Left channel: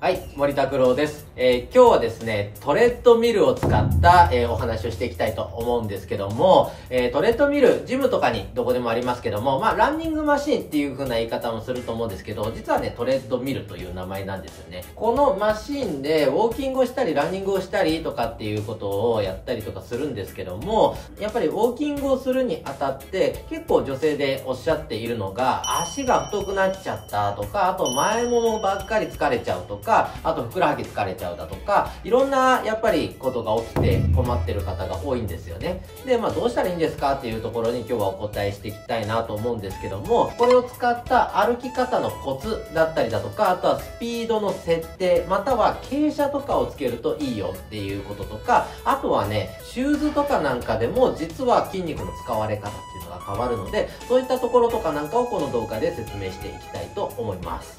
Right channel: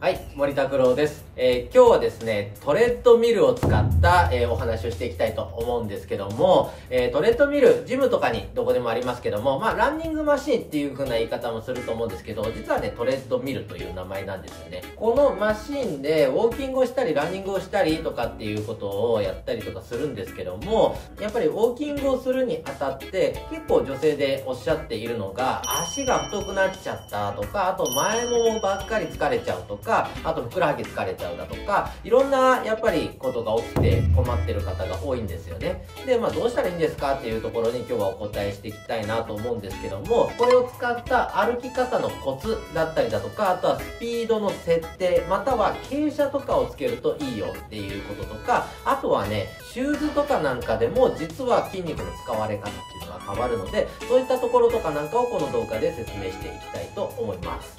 はい、森拓郎です。今日はですね、トレッドミルを使った、お話をしていきたいと思うんですけども、トレッドミル、ジムとかにどこでもありますけども、ランニングマシンっていう風な言い方もすると思うんですけど、実はね、トレッドミルという名前なんですよね。このマシンでウォーキングをしたり、ランニングをしたりとかっていうことをやったりとかするんですけども、やっぱりウォーキングをするにあたって、結構女性でおっしゃっているのが、足が太くなっちゃったとか、あと前ももばっかり疲れちゃうとか、あとふくらはぎ疲れちゃうだとか、いろんなやっぱりことが起きて困ってる方が多いんですよね。で、どうしたらいいんですかっていうところに今日はお答えしていきたいなと思うんですけども、これを使った歩き方のコツだったりだとか、あとはスピードの設定、または傾斜とかをつけるといいよっていうこととか、あとはね、シューズとかなんかでも実は筋肉の使われ方っていうのが変わるので、そういったところとかなんかをこの動画で説明していきたいと思います。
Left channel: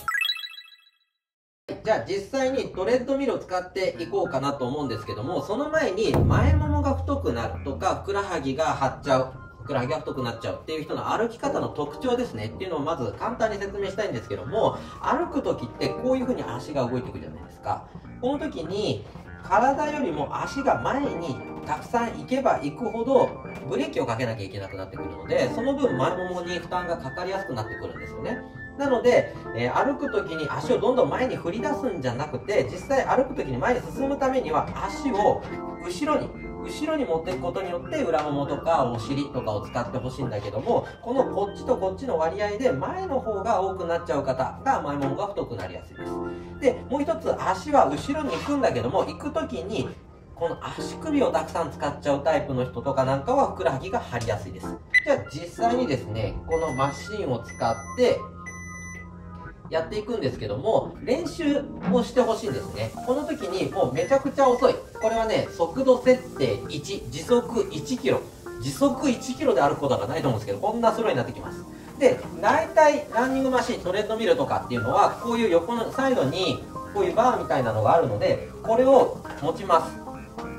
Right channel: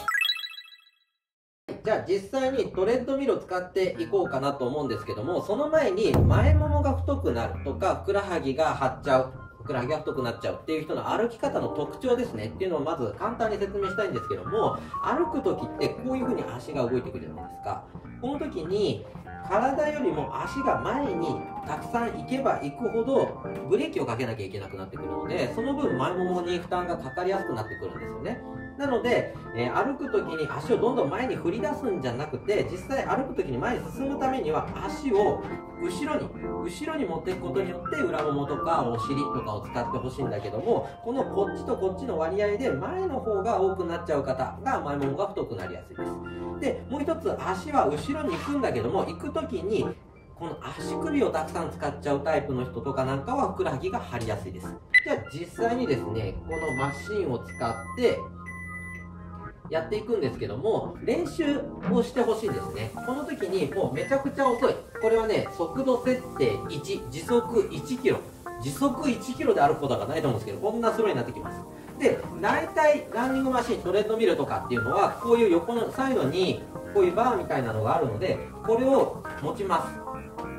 じゃあ実際にトレッドミルを使っていこうかなと思うんですけども、その前に前ももが太くなるとか、ふくらはぎが張っちゃう、ふくらはぎが太くなっちゃうっていう人の歩き方の特徴ですねっていうのをまず簡単に説明したいんですけども、歩く時ってこういう風に足が動いてくるじゃないですか。この時に体よりも足が前にたくさん行けば行くほどブレーキをかけなきゃいけなくなってくるので、その分前ももに負担がかかりやすくなってくるんですよね。なので、歩く時に足をどんどん前に振り出すんじゃなくて、実際歩く時に前に進むためには足を後ろに持っていくことによって裏ももとかお尻とかを使ってほしいんだけども、このこっちとこっちの割合で前の方が多くなっちゃう方が前ももが太くなりやすいです。で、もう一つ足は後ろに行くんだけども、行く時にこの足首をたくさん使っちゃうタイプの人とかなんかはふくらはぎが張りやすいです。じゃあ実際にですね、このマシンを使ってやっていくんですけども、練習をしてほしいんですね。この時にもうめちゃくちゃ遅い。これはね、速度設定1、時速1キロ。時速1キロで歩くことがないと思うんですけど、こんなスローになってきます。で、大体ランニングマシン、トレッドミルとかっていうのは、こういう横のサイドにこういうバーみたいなのがあるので、これを持ちます。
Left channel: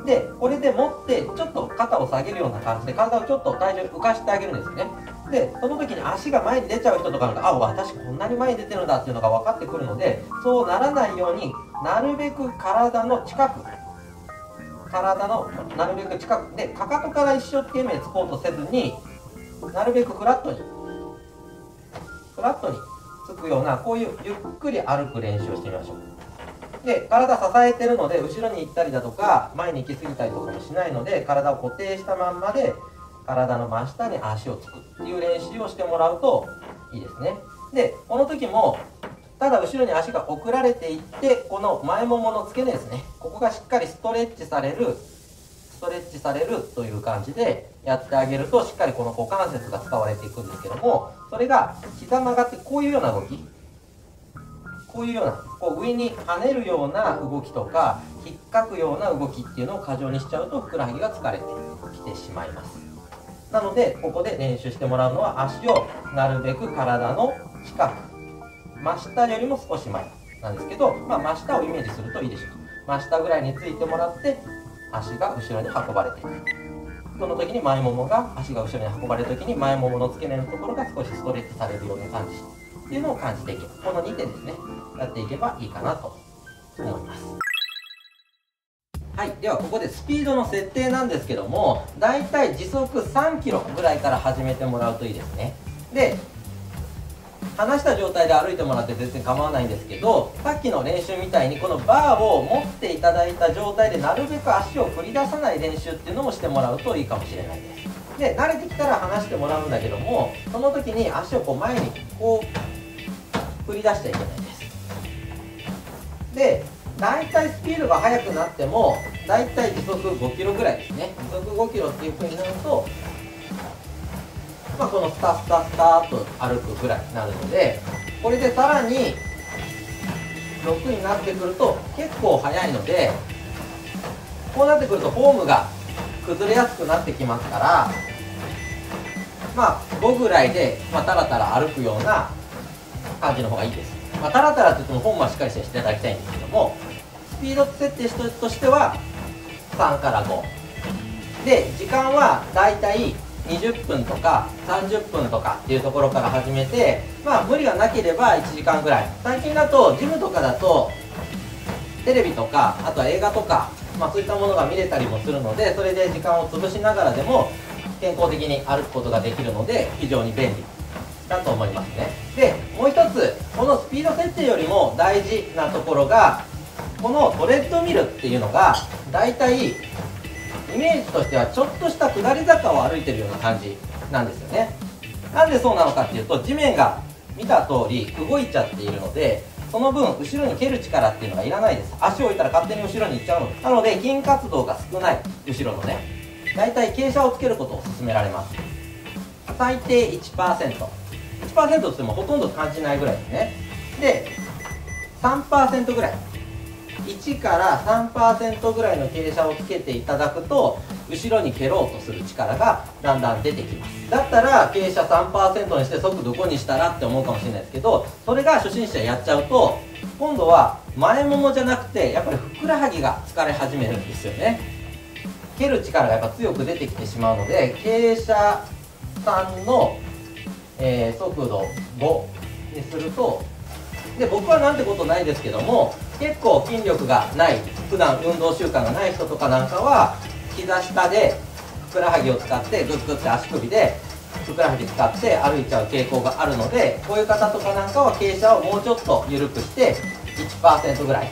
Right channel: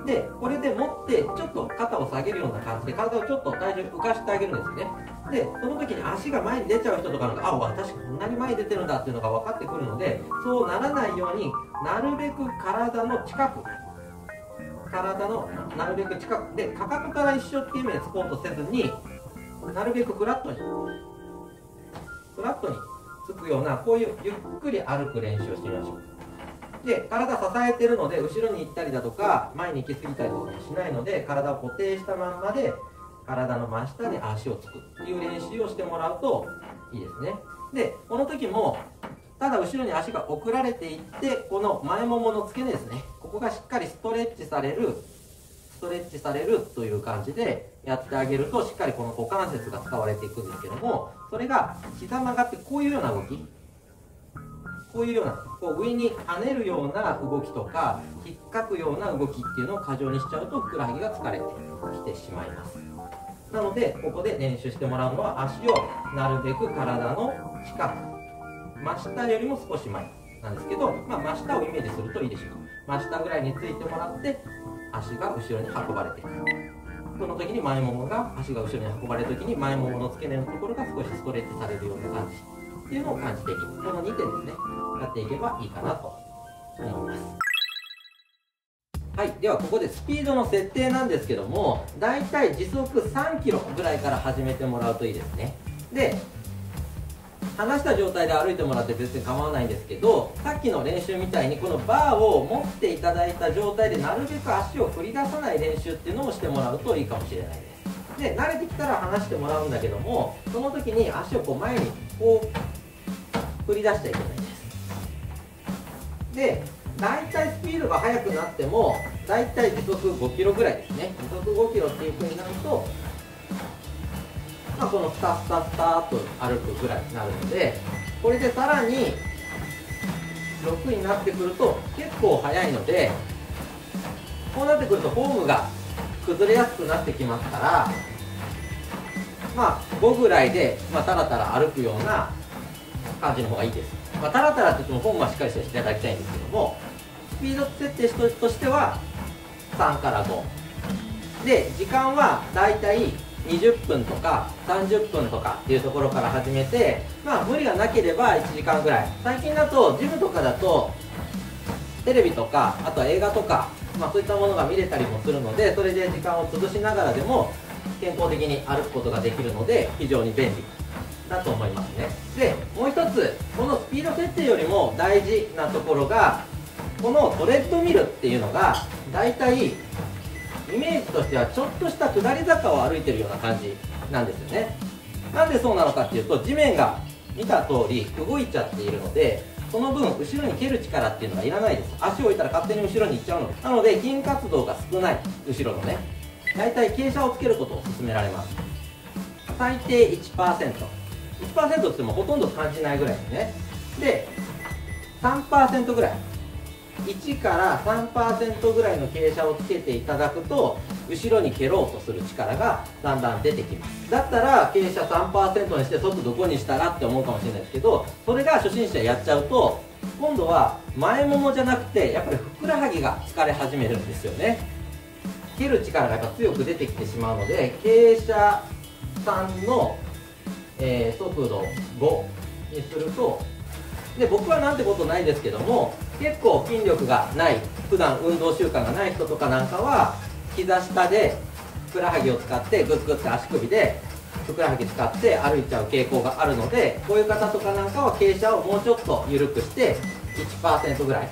で、これで持ってちょっと肩を下げるような感じで体をちょっと体重浮かしてあげるんですね。で、その時に足が前に出ちゃう人とかが、あ、私こんなに前に出てるんだっていうのが分かってくるので、そうならないようになるべく体の近くで、かかとから一生懸命つこうとせずに、なるべくフラットにつくような、こういうゆっくり歩く練習をしてみましょう。で、体支えてるので、後ろに行ったりだとか、前に行き過ぎたりとかもしないので、体を固定したまんまで、体の真下に足をつくっていう練習をしてもらうといいですね。で、この時も、ただ後ろに足が送られていって、この前ももの付け根ですね。ここがしっかりストレッチされるという感じでやってあげると、しっかりこの股関節が使われていくんですけども、それが膝曲がってこういうような動き、こういうような、上に跳ねるような動きとか、引っかくような動きっていうのを過剰にしちゃうと、ふくらはぎが疲れてきてしまいます。なので、ここで練習してもらうのは、足をなるべく体の近く、真下よりも少し前なんですけど、真下をイメージするといいでしょう。真下ぐらいについてもらって、足が後ろに運ばれていく。その時に足が後ろに運ばれる時に前ももの付け根のところが少しストレッチされるような感じっていうのを感じていく。この2点ですね、やっていけばいいかなと思います。はい、ではここでスピードの設定なんですけども、だいたい時速3キロぐらいから始めてもらうといいですね。で、離した状態で歩いてもらって全然構わないんですけど、さっきの練習みたいにこのバーを持っていただいた状態でなるべく足を振り出さない練習っていうのもしてもらうといいかもしれないです。で、慣れてきたら離してもらうんだけども、その時に足を前に振り出しちゃいけないです。で、だいたいスピードが速くなっても、だいたい時速5キロぐらいですね。時速5キロっていう風になると、このスタスタスターと歩くぐらいになるので、これでさらに6になってくると結構速いので、こうなってくるとフォームが崩れやすくなってきますから、5ぐらいで、タラタラ歩くような感じの方がいいです。タラタラって言ってもフォームはしっかりしていただきたいんですけども、スピード設定としては3から5で、時間はだいたい20分とか30分とかっていうところから始めて、無理がなければ1時間ぐらい。最近だとジムとかだとテレビとか、あとは映画とか、そういったものが見れたりもするので、それで時間を潰しながらでも健康的に歩くことができるので非常に便利だと思いますね。でもう一つ、このスピード設定よりも大事なところが、このトレッドミルっていうのがだいたいイメージとしてはちょっとした下り坂を歩いてるような感じなんですよね。なんでそうなのかっていうと、地面が見た通り動いちゃっているので、その分後ろに蹴る力っていうのがいらないです。足を置いたら勝手に後ろに行っちゃうので、なので筋活動が少ない後ろのね、だいたい傾斜をつけることを勧められます。最低 1%、 1% ってってもほとんど感じないぐらいですね。で 3% ぐらい、1から 3% ぐらいの傾斜をつけていただくと、後ろに蹴ろうとする力がだんだん出てきます。だったら傾斜 3% にして速度5にしたらって思うかもしれないですけど、それが初心者やっちゃうと、今度は前ももじゃなくてやっぱりふくらはぎが疲れ始めるんですよね。蹴る力がやっぱ強く出てきてしまうので、傾斜3の、速度5にすると、で僕はなんてことないですけども、結構筋力がない、普段運動習慣がない人とかなんかは膝下でふくらはぎを使ってグッグッて足首でふくらはぎ使って歩いちゃう傾向があるので、こういう方とかなんかは傾斜をもうちょっと緩くして 1% ぐらい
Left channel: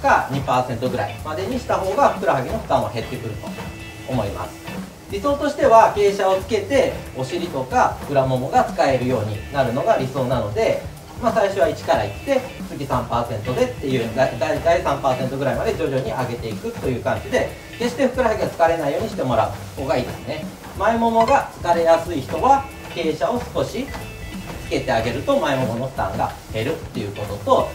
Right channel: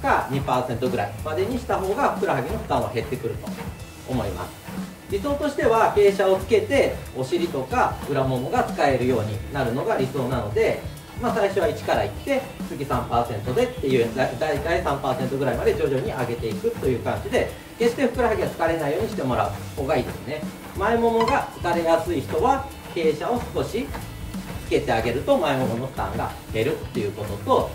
か 2% ぐらいまでにした方がふくらはぎの負担は減ってくると思います。理想としては傾斜をつけてお尻とか裏ももが使えるようになるのが理想なので、最初は1からいって次 3% でっていう、だいたい 3% ぐらいまで徐々に上げていくという感じで、決してふくらはぎが疲れないようにしてもらう方がいいですね。前ももが疲れやすい人は傾斜を少しつけてあげると前ももの負担が減るっていうことと、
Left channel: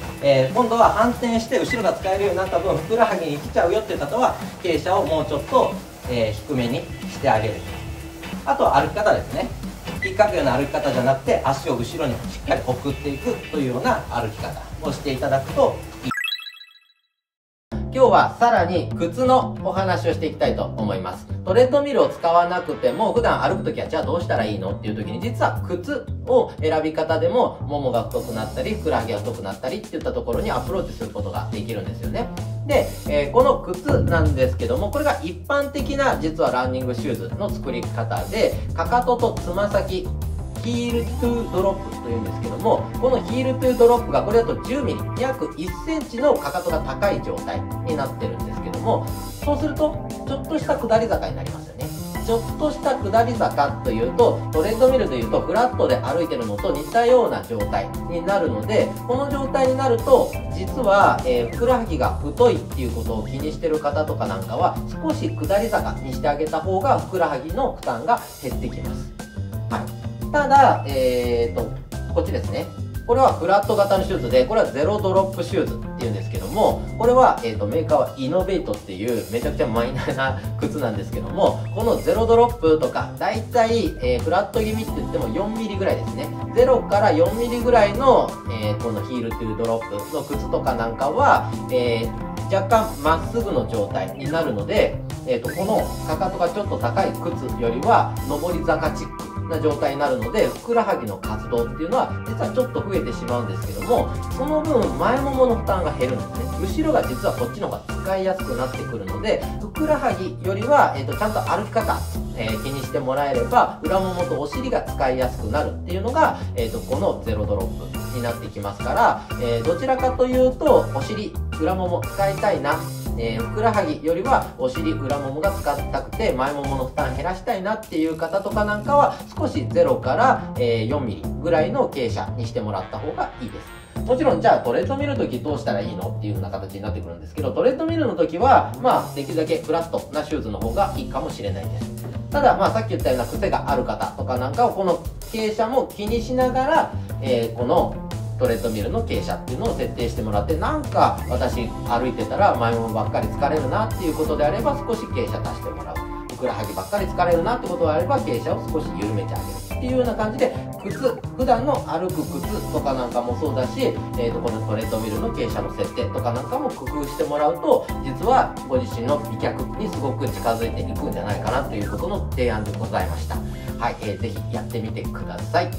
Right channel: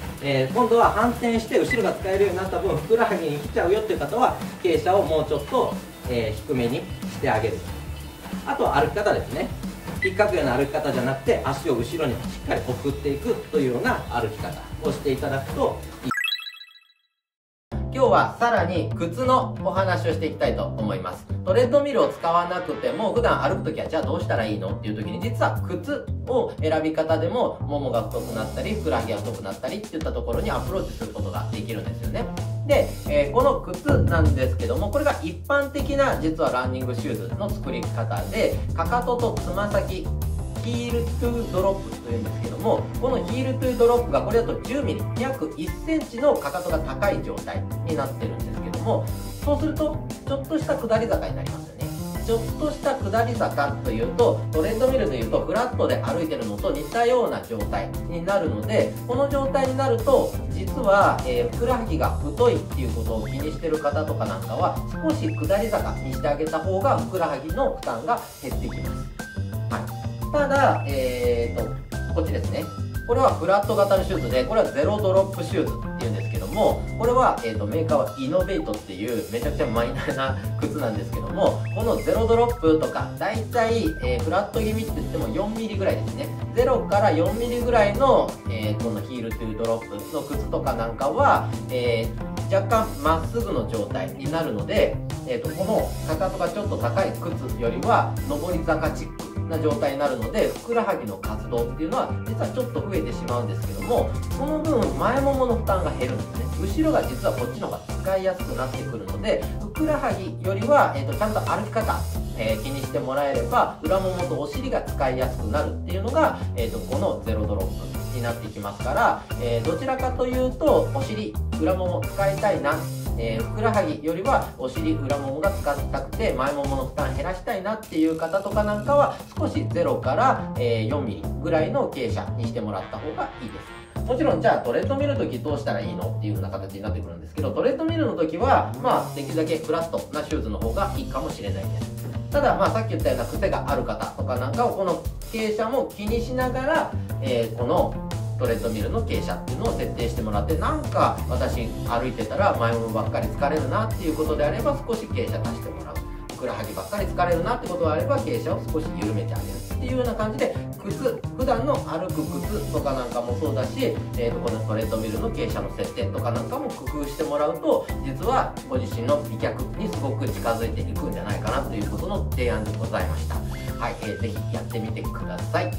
今度は反転して後ろが使えるようになった分ふくらはぎに来ちゃうよっていう方は傾斜をもうちょっと、低めにしてあげる。あとは歩き方ですね。引っかくような歩き方じゃなくて、足を後ろにしっかり送っていくというような歩き方をしていただくといい。今日はさらに靴のお話をしていきたいと思います。トレッドミルを使わなくても普段歩くときはじゃあどうしたらいいのっていう時に、実は靴を選び方でもももが太くなったりふくらはぎが太くなったりっていったところにアプローチすることができるんですよね。で、この靴なんですけども、これが一般的な実はランニングシューズの作り方で、かかととつま先ヒールトゥードロップというんですけども、このヒールトゥードロップがこれだと10ミリ、約1センチのかかとが高い状態になってるんですけども、そうするとちょっとした下り坂になりますよね。ちょっとした下り坂というと、トレッドミルでいうとフラットで歩いてるのと似たような状態になるので、この状態になると実は、ふくらはぎが太いっていうことを気にしてる方とかなんかは、少し下り坂にしてあげた方がふくらはぎの負担が減ってきます。はい、ただ、こっちですね。これはフラット型のシューズで、これはゼロドロップシューズっていうんですけども、これは、メーカーはイノベイトっていうめちゃくちゃマイナーな靴なんですけども、このゼロドロップとか、だいたい、フラット気味って言っても4ミリぐらいですね。0から4ミリぐらいの、このヒールトゥードロップの靴とかなんかは、若干まっすぐの状態になるので、このかかとがちょっと高い靴よりは上り坂チックな状態になるので、ふくらはぎの活動っていうのは実はちょっと増えてしまうんですけども、その分前ももの負担が減るんですね。後ろが実はこっちの方が使いやすくなってくるので、ふくらはぎよりは、ちゃんと歩き方、気にしてもらえれば裏ももとお尻が使いやすくなるっていうのが、このゼロドロップになってきますから、どちらかというとお尻裏もも使いたいな、ふくらはぎよりはお尻裏ももが使いたくて前ももの負担減らしたいなっていう方とかなんかは、少し0から、4ミリぐらいの傾斜にしてもらった方がいいです。もちろんじゃあトレッドミルの時どうしたらいいのっていうような形になってくるんですけど、トレッドミルの時はできるだけフラットなシューズの方がいいかもしれないです。たださっき言ったような癖がある方とかなんかはこの傾斜も気にしながら、このトレッドミルの傾斜っていうのを設定してもらって、なんか私歩いてたら前ももばっかり疲れるなっていうことであれば少し傾斜足してもらう、ふくらはぎばっかり疲れるなってことであれば傾斜を少し緩めてあげるっていうような感じで、普段の歩く靴とかなんかもそうだし、このトレッドミルの傾斜の設定とかなんかも工夫してもらうと、実はご自身の美脚にすごく近づいていくんじゃないかなということの提案でございました。はい、ぜひやってみてください。